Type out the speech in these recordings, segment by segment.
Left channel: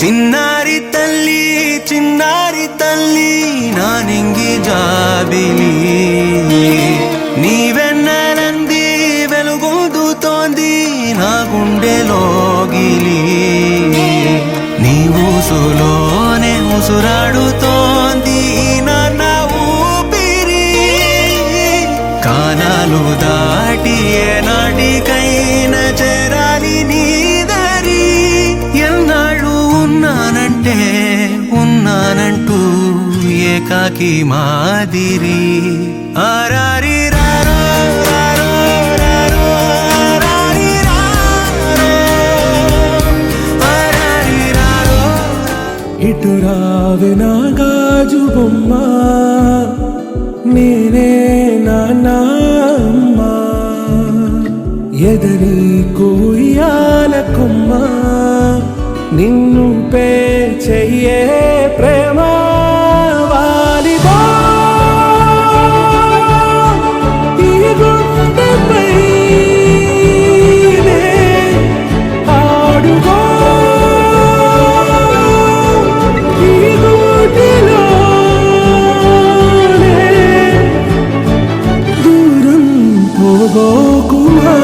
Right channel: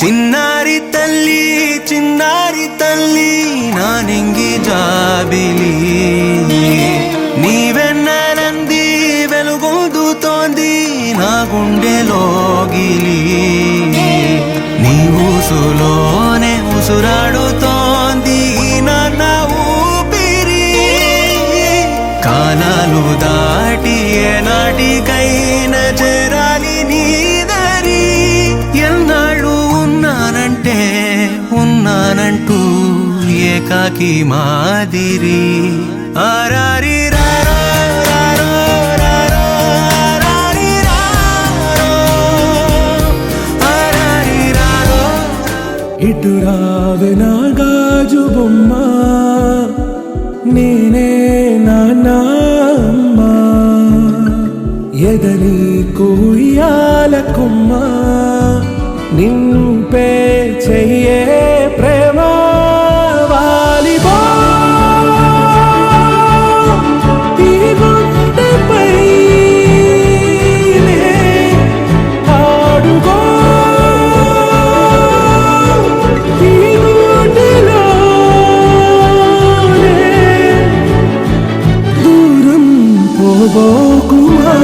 చిన్నారి తల్లి నా నింగి జాబిలి నీవెన్నెలంది వెలుగొందుతోంది నా గుండెలోగిలి నీ ఊసులోనే ఉసురాడుతోంది నా ఊపిరి కాలాలు దాటి ఏనాటికైనా చేరాలి నీ దరి ఎన్నాళ్ళు ఉన్నానంటూ ఏకాకి మాదిరి ఆరారి రారో రారో రారో ఆరారి రారో ఆరారి రారో ఇటు రావే నా గాజు బొమ్మ నేనే నాన్నమ్మ ఎదని కూయాల కొమ్మ నిన్ను పే చెయ్యే ప్రేమ వాలిబో ఈ గుండెపై ఆడుగో ఈ గుడిలోనే దూరం పోబోకుమా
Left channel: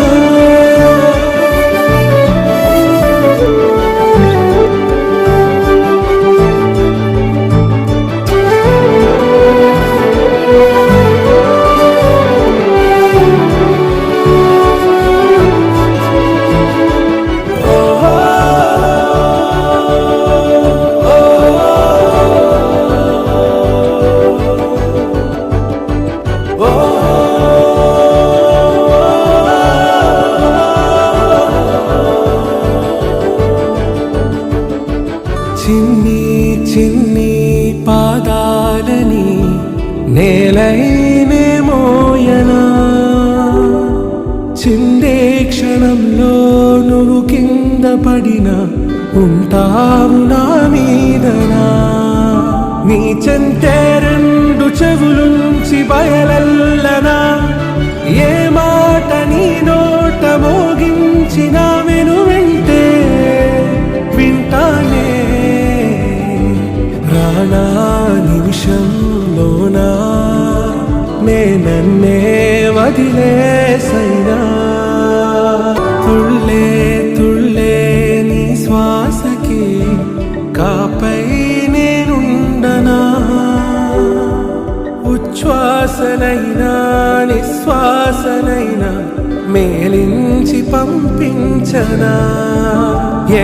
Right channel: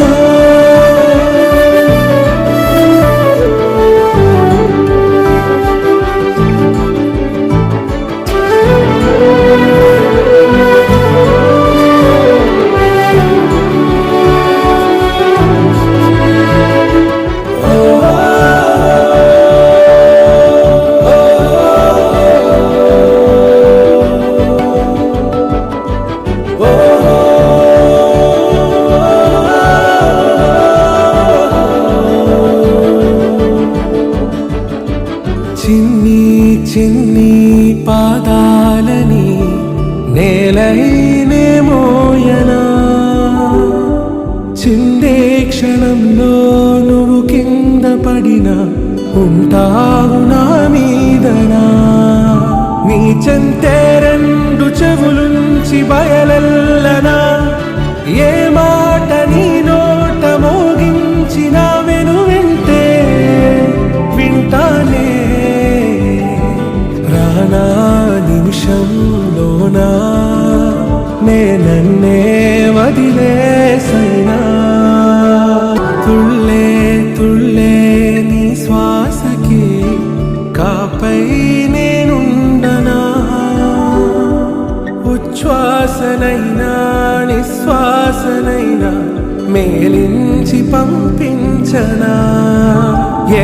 చిన్ని చిన్ని పాదాలని నేలైనే మోయనా చిందే క్షణంలో నువ్వు కింద పడినా ఉంటావు నా మీదనా నీ చెంతే రెండు చెవులుంచి బయలెల్లనా ఏ మాట నీ నోట మోగించిన వెను వింటే వింటానే రానా నిమిషంలోనా నన్నే వదిలేసైనా తుళ్ళే తుళ్ళే నీ శ్వాసకి కాపై నేనుండనా ఉచ్ఛ్వాసనైనా నిశ్వాసనైనా మేలించి పంపించనా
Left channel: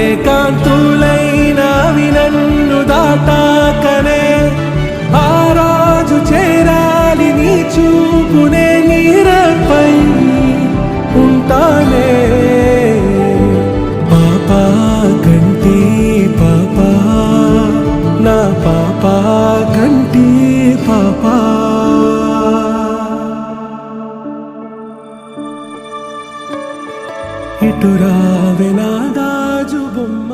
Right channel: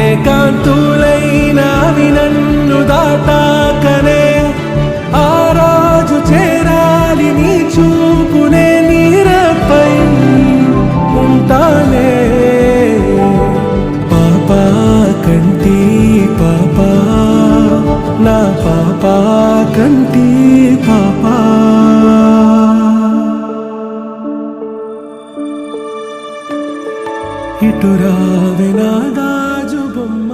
ఏకాంతులైనవి నన్ను దాటాకనే ఆ రాజు చేరాలి నీ చూపునే నీరపై ఉంటానే పాపా కంటి పాపా నా పాపా కంటి పాపా ఇటు రావే నా గాజు బొమ్మ